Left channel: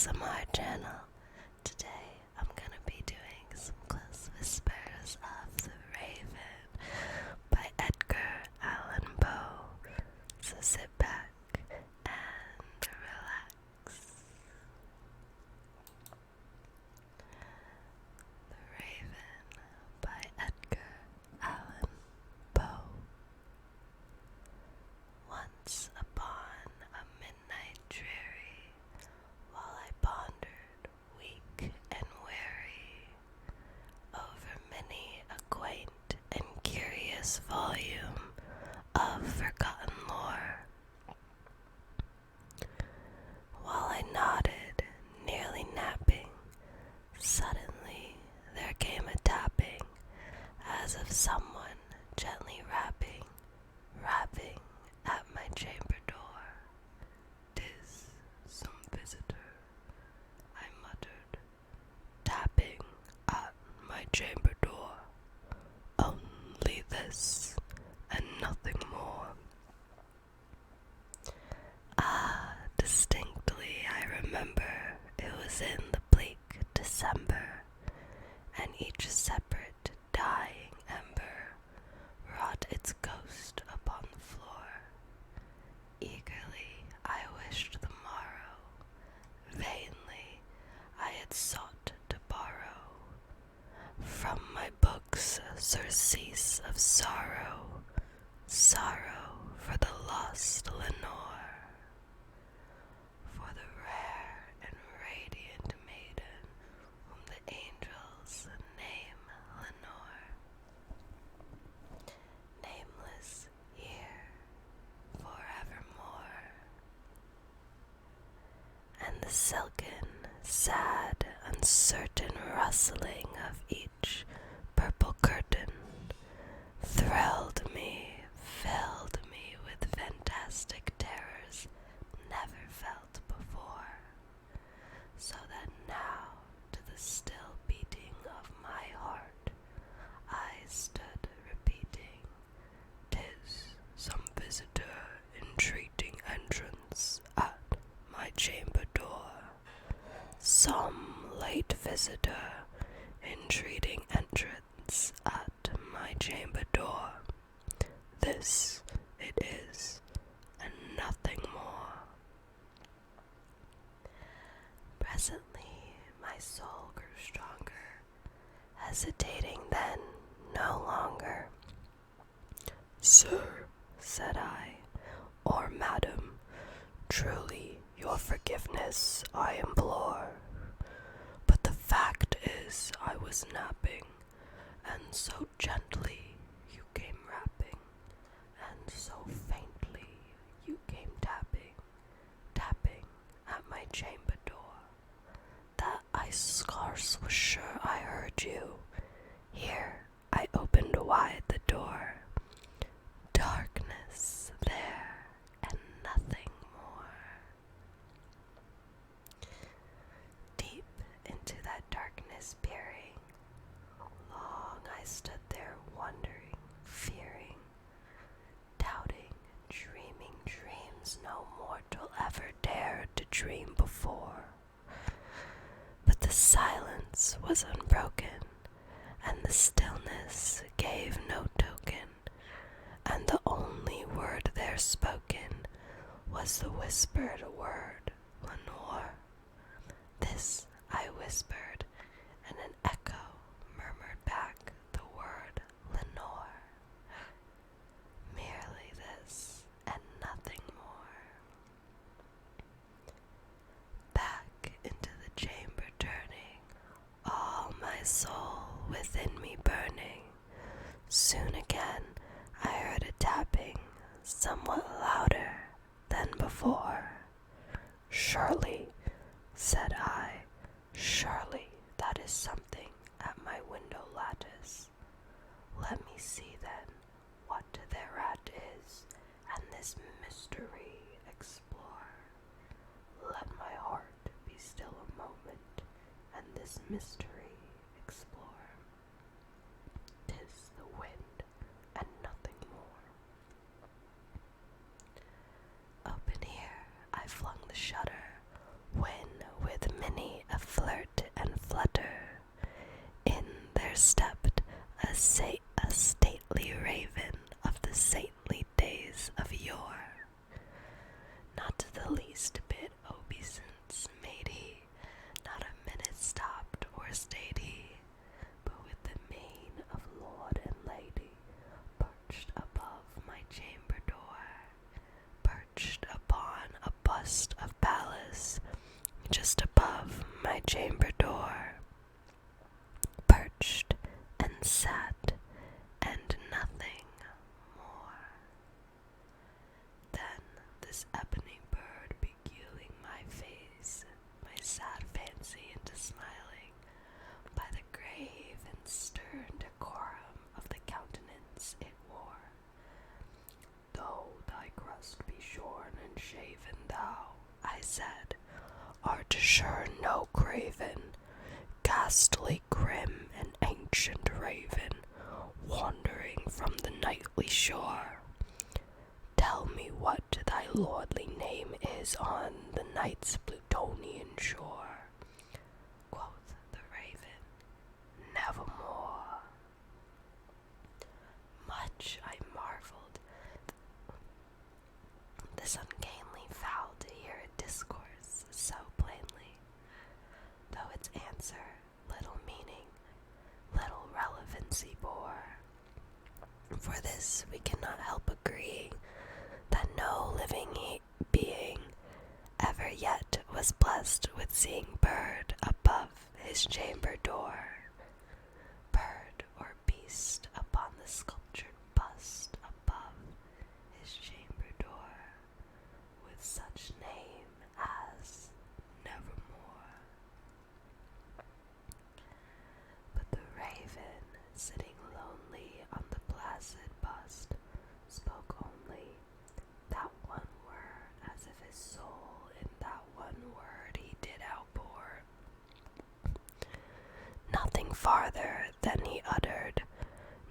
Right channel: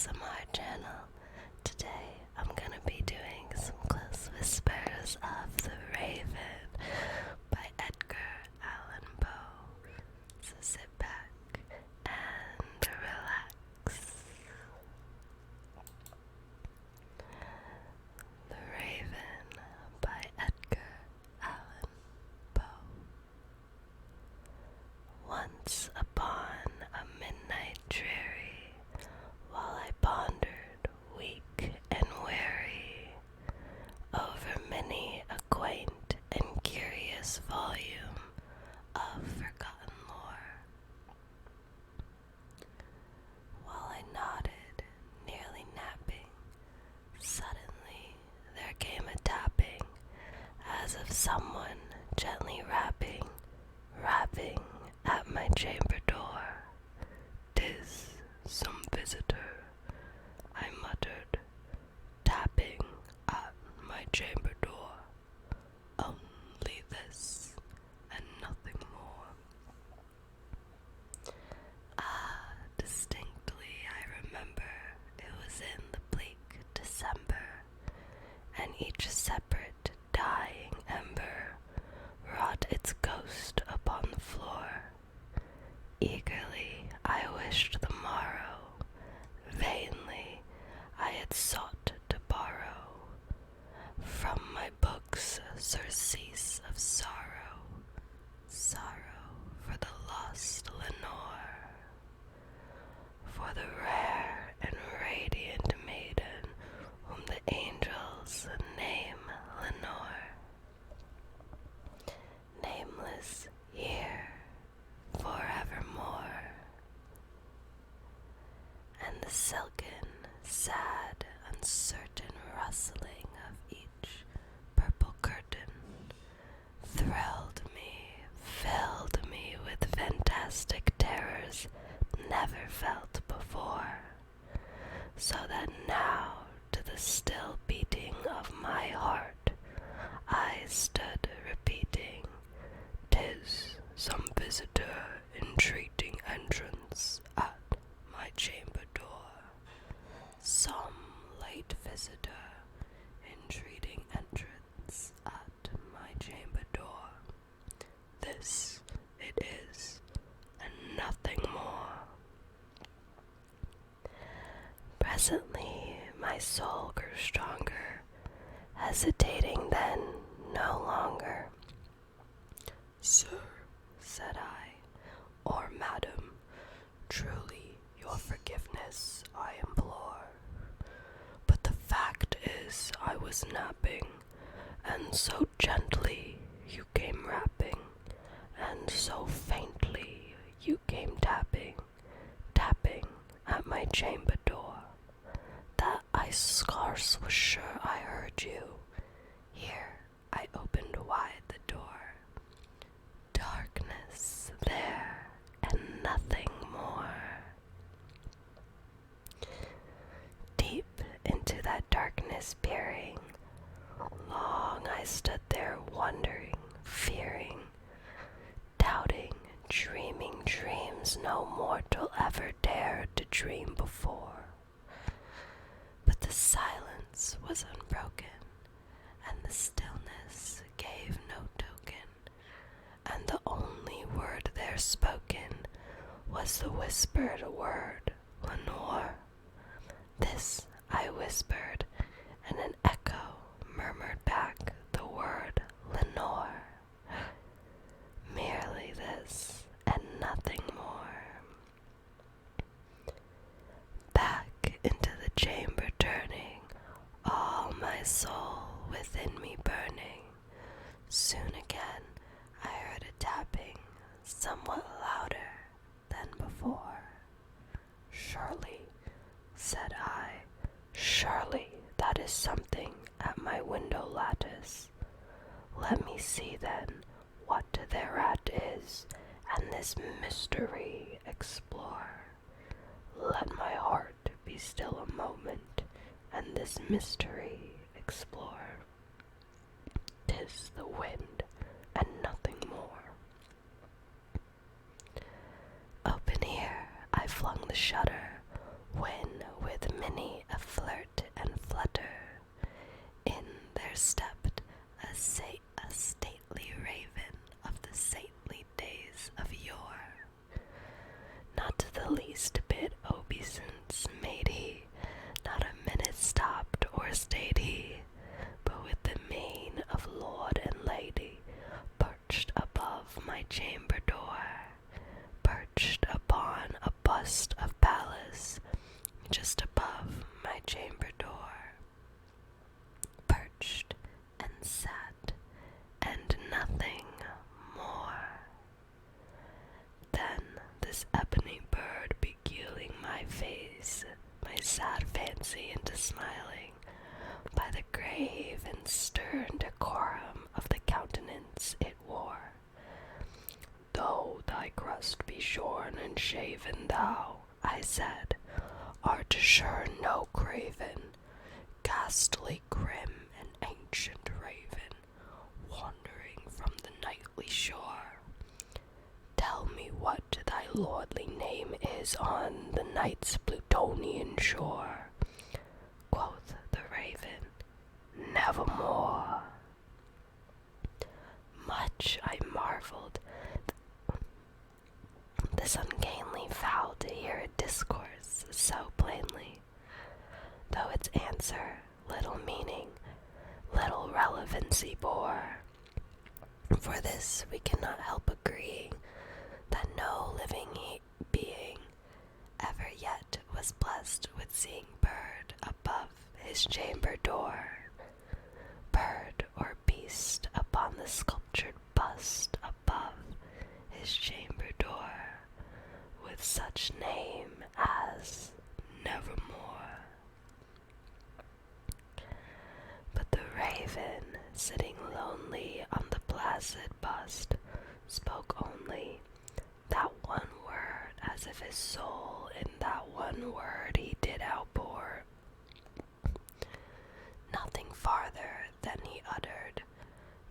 ASMR channel. Today I'm gonna be doing some close whispers of The Raven by Edgar Allan Poe. So sit back and relax. The Raven by Edgar Allan Poe. Once upon a midnight dreary, while I pondered, weak and weary, over many a quaint and curious volume of forgotten lore. While I nodded, nearly napping, suddenly there came a tapping, as of someone gently rapping at my chamber door. "'Tis some visitor," I muttered, tapping at my chamber door. "Only this, and nothing more." Distinctly I remember it was in the bleak December, and each separate dying ember wrought its ghost upon the floor. Eagerly I wished the morrow, vainly I had sought to borrow from my books surcease of sorrow, sorrow for the lost Lenore, for the rare and radiant maiden whom the angels name Lenore. Nameless here forevermore. And the silken, sad, uncertain rustling of each purple curtain thrilled me, filled me with fantastic terrors never felt before, so that now, to the still beating of my heart, I stood repeating, "'Tis some visitor entreating entrance at my chamber door. Some late visitor entreating entrance at my chamber door. This it is, and nothing more." Presently my soul grew stronger, hesitating then no longer. "Sir," said I, "or madam, truly your forgiveness I implore. But the fact is I was napping, and so gently you came rapping, and so faintly you came tapping at my chamber door, that I scarce was sure I heard you. Here I opened wide the door. Darkness there, and nothing more." Deep into that darkness peering, long I stood there wondering, fearing, doubting, dreaming dreams no mortal ever dared to dream before. But the silence was unbroken, and the stillness gave no token, and the only word there spoken was the whispered word, "Lenore." This I whispered, and an echo murmured back the word "Lenore." Merely this, and nothing more. Back into the chamber turning, all my soul within me burning, soon again I heard a tapping, somewhat louder than before. "Surely," said I, "surely that is something at my window lattice. Let me see then what thereat is, and this mystery explore. Let my heart be still a moment, and this mystery explore. 'Tis the wind, and nothing more." Open here I flung the shutter, when with a stately raven of the saintly days of yore. Not to the least bit obeisance made he, not a minute stopped or stayed he, but with the mien of lord and lady, perched above my chamber door, perched upon a bust of Pallas, just above my chamber door, perched and sat, and nothing more. Then this ebony bird beguiling my face, my sad fancy into smiling, by the grave and stern decorum of the countenance it wore. Though thy crust be shorn and shaven, thou, I said, art sure no craven, ghastly grim and ancient raven, wandering from the nightly shore. Tell me what thy lordly name is on the night's Plutonian shore. Quoth the raven, nevermore. Much I marveled this ungainly fowl to hear it discourse so plainly, though its answer little meaning, little relevancy bore. For this we cannot help agreeing, that no living being ever yet was blessed with seeing bird above his chamber door, bird or beast upon the sculptured bust above his chamber door, with such name as Nevermore. But the raven, sitting lonely on the placid bust, spoke only that one word, as if his soul in that one word he did outpour. Nothing farther than he uttered,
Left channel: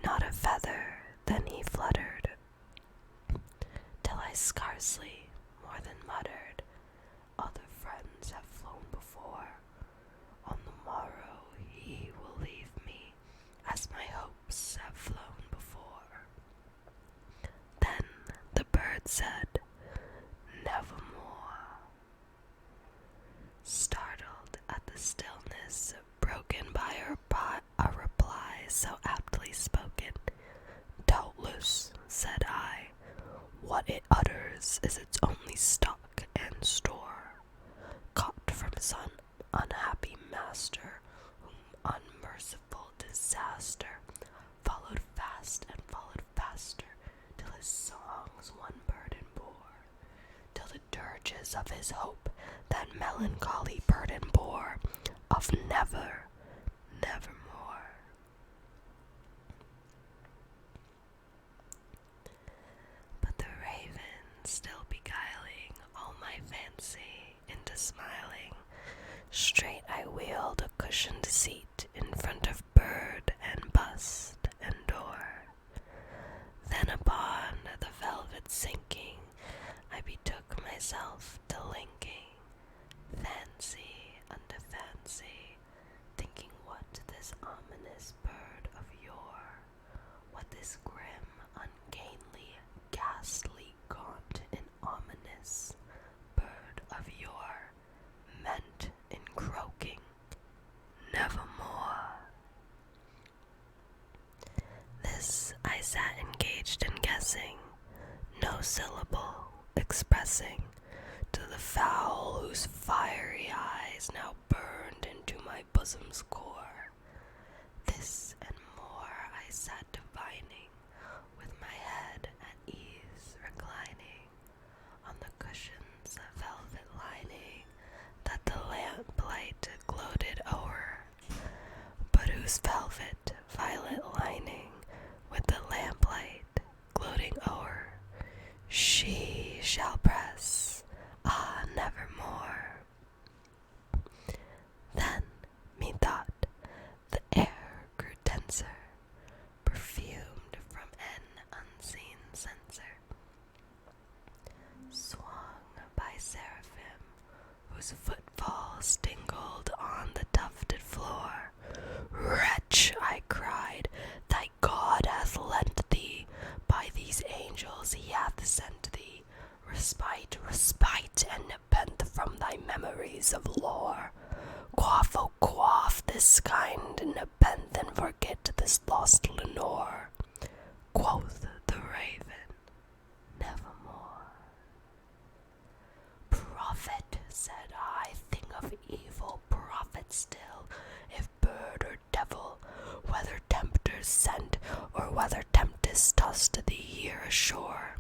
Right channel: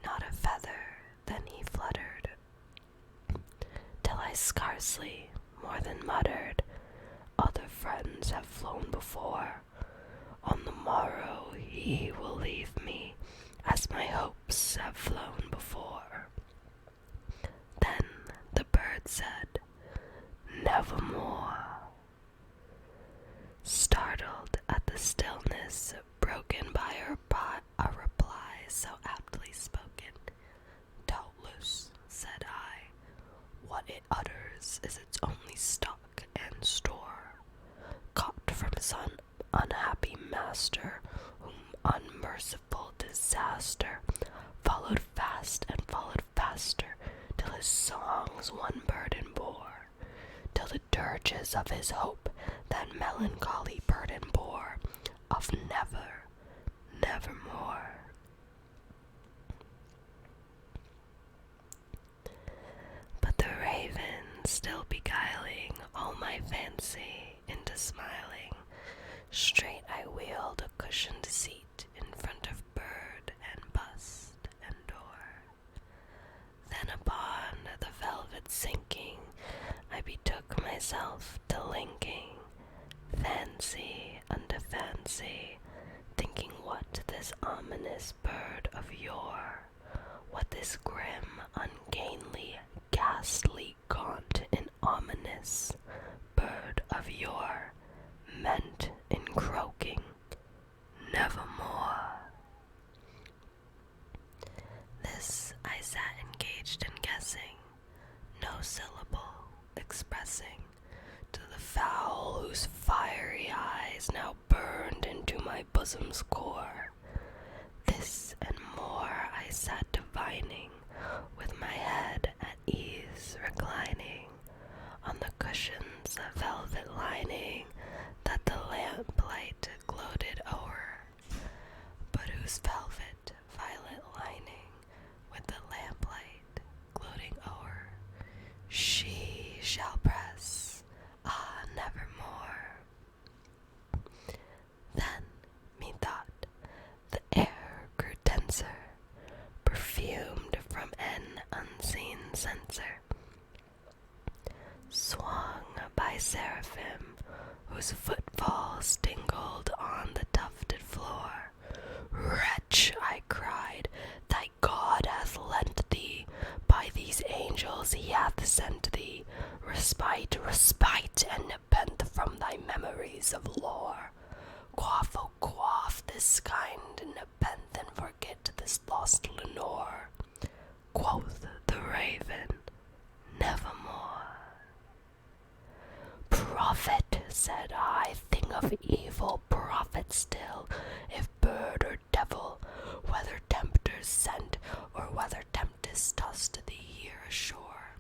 not a feather than he fluttered, till I scarcely more than muttered, other friends have flown before, on the morrow he will leave me, as my hopes have flown before. Then the bird said, nevermore. Startled at the stillness broken by a reply so aptly spoken, doubtless, said I, what it utters is its only stock and store, caught from his unhappy master, whom unmerciful disaster followed fast and followed faster, till his songs one burden bore, till the dirges of his hope that melancholy burden bore, of never, nevermore. But the raven, still beguiling all my fancy into smiling, straight I wheeled a cushioned seat in front of bird and bust and door. Then upon the velvet sinking, I betook myself to linking fancy unto fancy, thinking what this ominous bird of yore, what this grim, ungainly, ghastly, gaunt, and ominous bird of yore meant in croaking, nevermore. This I sat engaged in guessing, no syllable expressing, to the fowl whose fiery eyes now burned into my bosom's core. This and more I sat divining, with my head at ease reclining, on the cushions of velvet lining, that the lamplight gloated o'er, but whose velvet violet lining, with the lamplight gloating o'er, she shall press, ah, nevermore. Then, methought, the air grew denser, perfumed from an unseen censer, swung by seraphim, whose footfalls tingled on the tufted floor. Wretch, I cried, thy angels he hath sent thee, respite, respite, and nepenthe from thy memories of lore. Quaff, oh quaff this kind, nepenthe, and forget this lost Lenore. Quoth the raven, nevermore. Prophet, said I, thing of evil, prophet still, if bird or devil, whether tempters sent, or whether tempest tossed thee here ashore.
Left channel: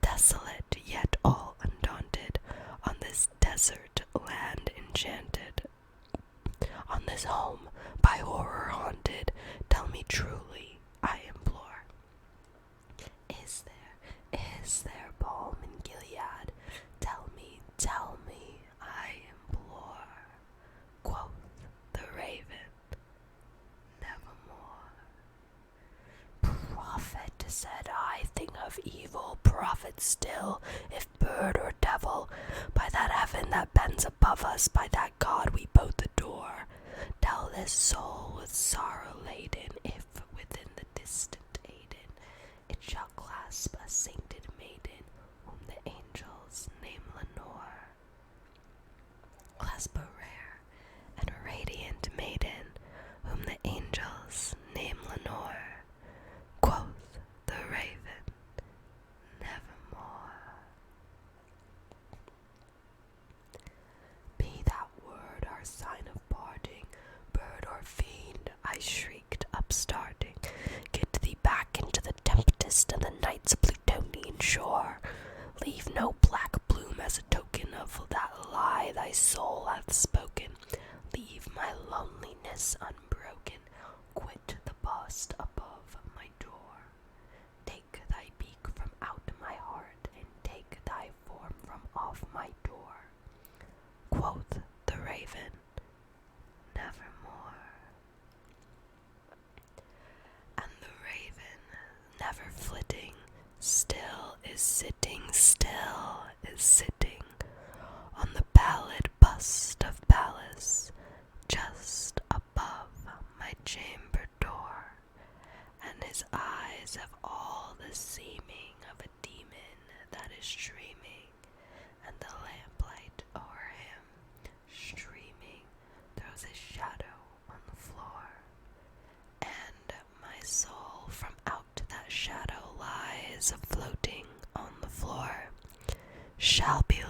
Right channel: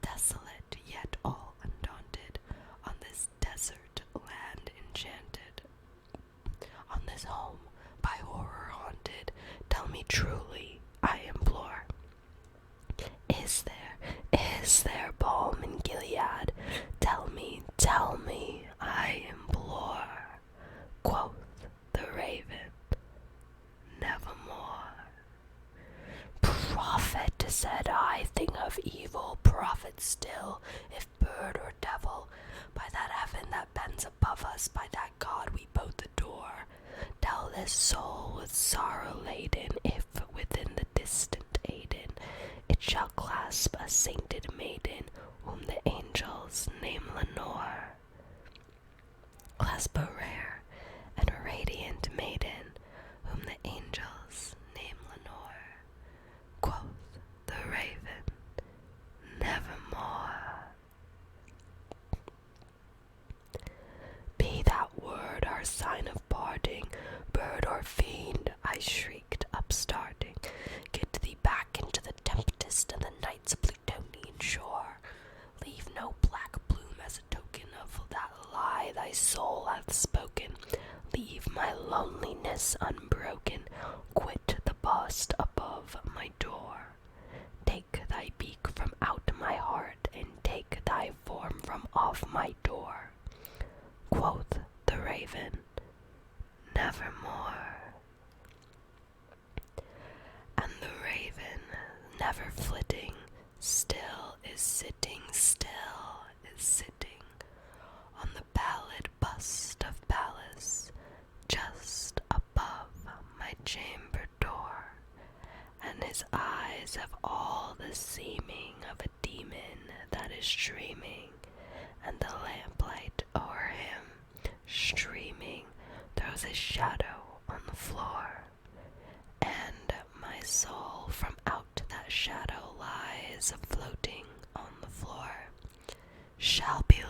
Desolate, yet all undaunted, on this desert land enchanted, on this home by horror haunted, tell me truly, I implore, is there balm in Gilead? Tell me, I implore. Quoth the raven, nevermore. Prophet, said I, thing of evil, prophet still, if bird or devil, by that heaven that bends above us, by that God we both adore, tell this soul with sorrow laden, if within the distant Aden it shall clasp a sainted maiden, whom the angels name Lenore. Clasp a rare and radiant maiden, whom the angels name Lenore. Quoth the raven, nevermore. Be that word our sign of parting, bird or fiend, I shrieked, upstarting. Get thee back into the tempest and the night's Plutonian shore. Leave no black bloom as a token of that lie thy soul hath spoken. Leave my loneliness unbroken. Quit the bust above my door. Take thy beak from out my heart, and take thy form from off my door. Quoth the raven, nevermore. And the raven, never flitting, still is sitting, on the pallid bust of Pallas, just above my chamber door, and his eyes have all the seeming of a demon that is dreaming, and the lamplight o'er him, streaming, throws a shadow on the floor, and my soul from out that shadow lies floating on the floor, shall be